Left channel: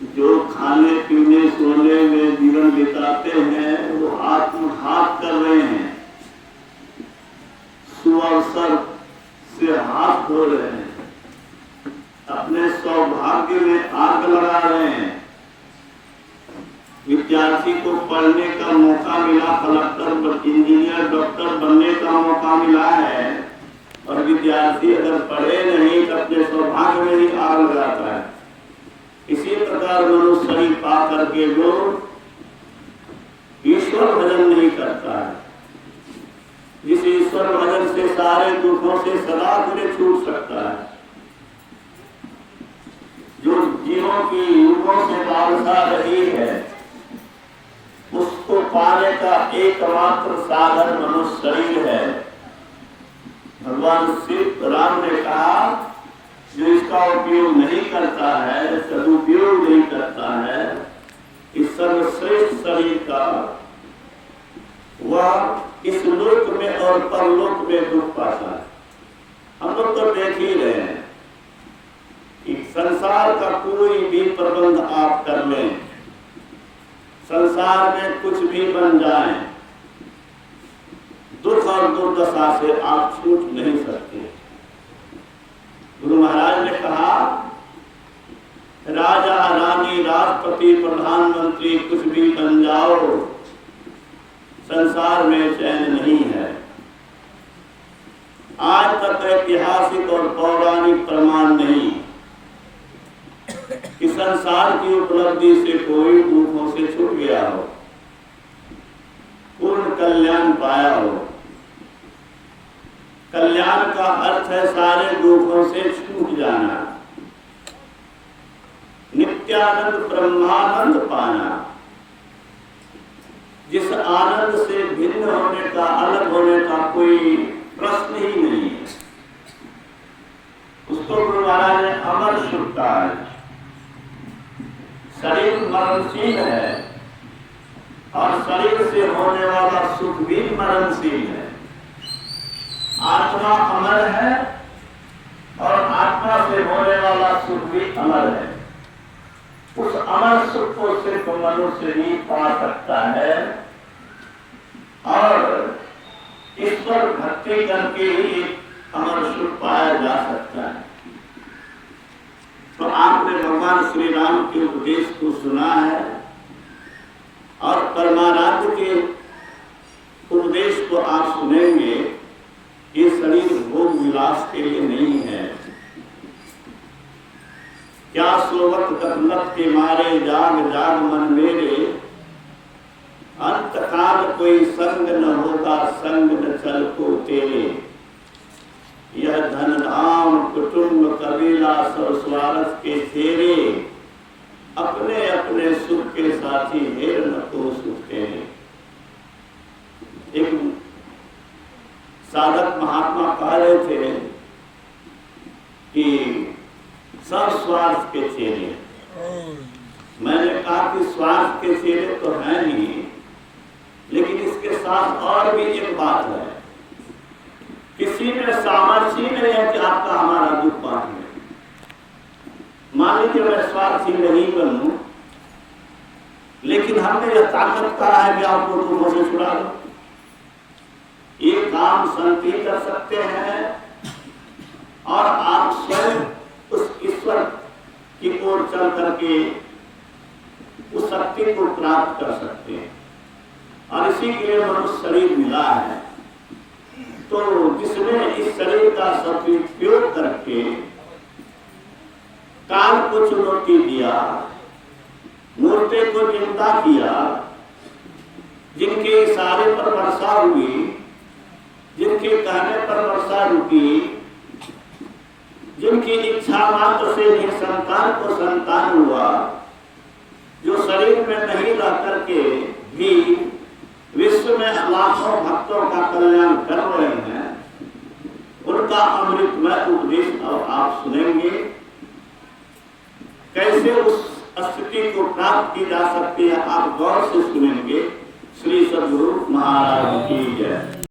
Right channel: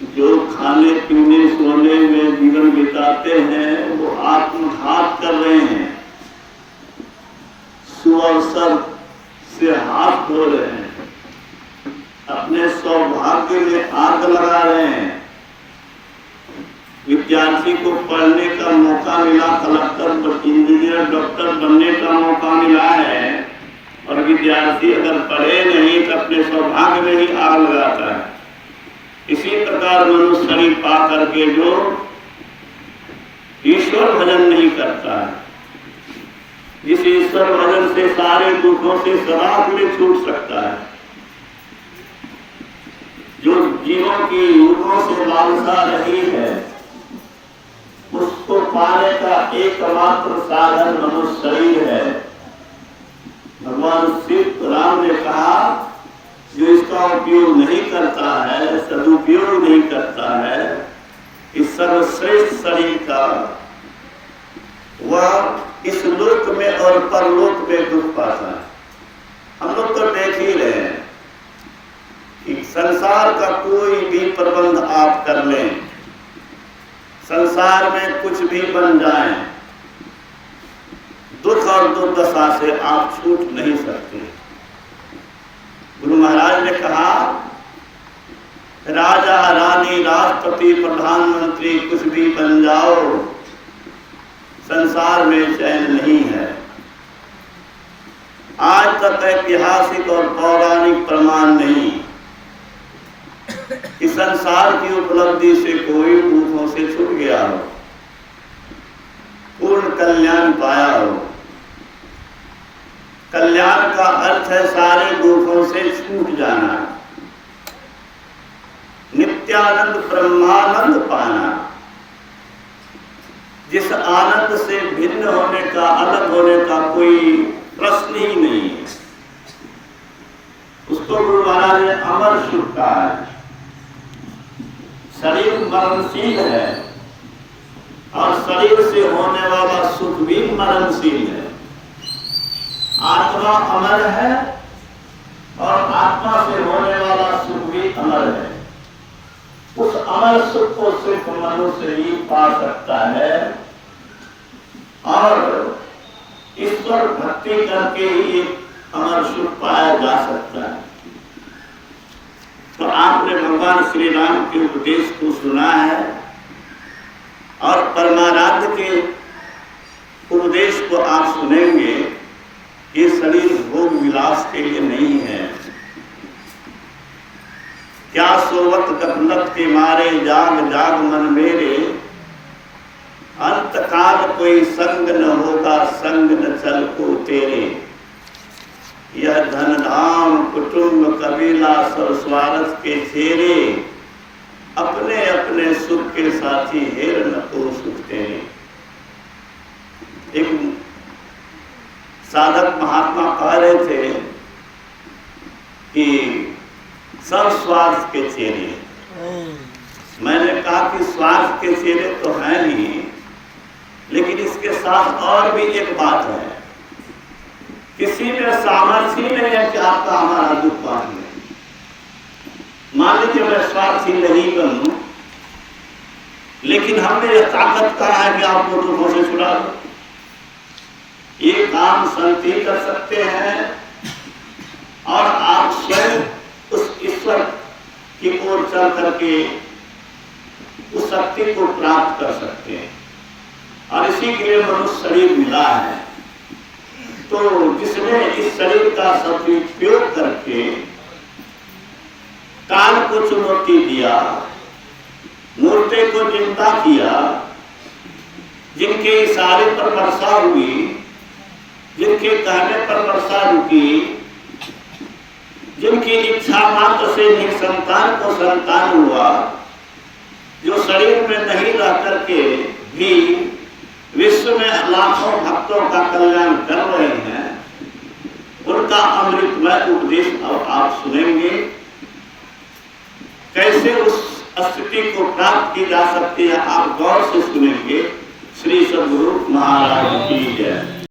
जो खाने पीने सोने में जीवन बिताते हैं वो आत्मघात कर रहे हैं, सुअवसर से हाथ धो रहे हैं, अपने सौभाग्य में आग लगा रहे हैं। विद्यार्थी को पढ़ने का मौका मिला, कलेक्टर इंजीनियर डॉक्टर बनने का मौका मिला है, और विद्यार्थी अगर पढ़े नहीं तो अपने सौभाग्य में ही आग लगाता है। इसी प्रकार मनुष्य शरीर पा करके जो ईश्वर भजन नहीं करता है, जिस ईश्वर भजन से सारे दुखों से सदा के लिए छूट सकता है, जो जीवों की युगों से लालसा रही है, उसको पाने का एकमात्र साधन मनुष्य शरीर है। भगवान श्री राम ने कहा जो इसका उपयोग नहीं करता है, सदुपयोग नहीं करता है इस सर्वश्रेष्ठ शरीर का, वह इस लोक में और परलोक में दुख पाता है। हम लोग तो देख ही रहे हैं कि संसार का कोई भी प्रबंध आप कर लें, संसार में कुछ भी बन जाए, दुख और दुर्दशा से आप छूट नहीं सकते। गुरु महाराज ने कहा राजा रानी राष्ट्रपति प्रधानमंत्री कुछ भी बन जाओ, संसार में चैन नहीं है। आज तक ऐतिहासिक और पौराणिक प्रमाण नहीं कि संसार की उपलब्धि से कोई दुखों से छूट गया हो, पूर्ण कल्याण पाया हो। कल्याण का अर्थ है सारे दुखों से छूट जाना, नित्यानंद ब्रह्मानंद पाना, जिस आनंद से भिन्न होने का, अलग होने का कोई प्रश्न ही नहीं है। उसको गुरु महाराज ने अमर सुख कहा है। शरीर मरणशील है और शरीर से होने वाला सुख भी मरणशील है। आत्मा अमर है और आत्मा से होने वाला सुख भी अमर है। उस अमर सुख को सिर्फ मनुष्य ही पा सकता है और ईश्वर भक्ति करके ही अमर सुख पाया जा सकता है। तो आपने भगवान श्री राम के उपदेश को सुना है और परमाराध्य के उपदेश को आप सुनेंगे। ये शरीर भोग विलास के लिए नहीं है। क्या सोवत गफलत के मारे जाग जाग मन मेरे, अंत काल कोई संग न होगा संग न चल को तेरे। यह धन धाम कुटुंब कबीला सब स्वार्थ के चेरे, अपने अपने सुख के साथी हेर न को सुख तेरे। एक साधक महात्मा कह रहे थे कि सब स्वार्थ के चेहरे। मैंने कहा कि स्वार्थ के चेहरे तो हैं ही, लेकिन इसके साथ और भी एक बात है, किसी में सामर्थ्य नहीं है कि आपका हमारा दुख बांट ले। मान लीजिए मैं स्वार्थी नहीं बनूं, लेकिन हमने यह ताकत कहा है कि आपको दुखों से छुड़ा दो। ये काम संत ही कर सकते हैं और आप स्वयं उस ईश्वर की ओर चल करके उस शक्ति को प्राप्त कर सकते हैं। और इसी के लिए मनुष्य शरीर मिला है। तो जिसने इस शरीर का सदुपयोग करके काल को चुनौती दिया, मूर्ति को चिंता किया, जिनके इशारे पर वर्षा हुई, जिनके कहने पर वर्षा रुकी, जिनकी इच्छा मात्र से निसंतान को संतान हुआ, जो शरीर में नहीं रह करके भी विश्व में लाखों भक्तों का कल्याण कर रहे हैं, उनका अमृतमय उपदेश अब आप सुनेंगे। कैसे उस स्थिति को प्राप्त की जा सकती है, आप गौर से सुनेंगे। श्री सद्गुरु महाराज की जय।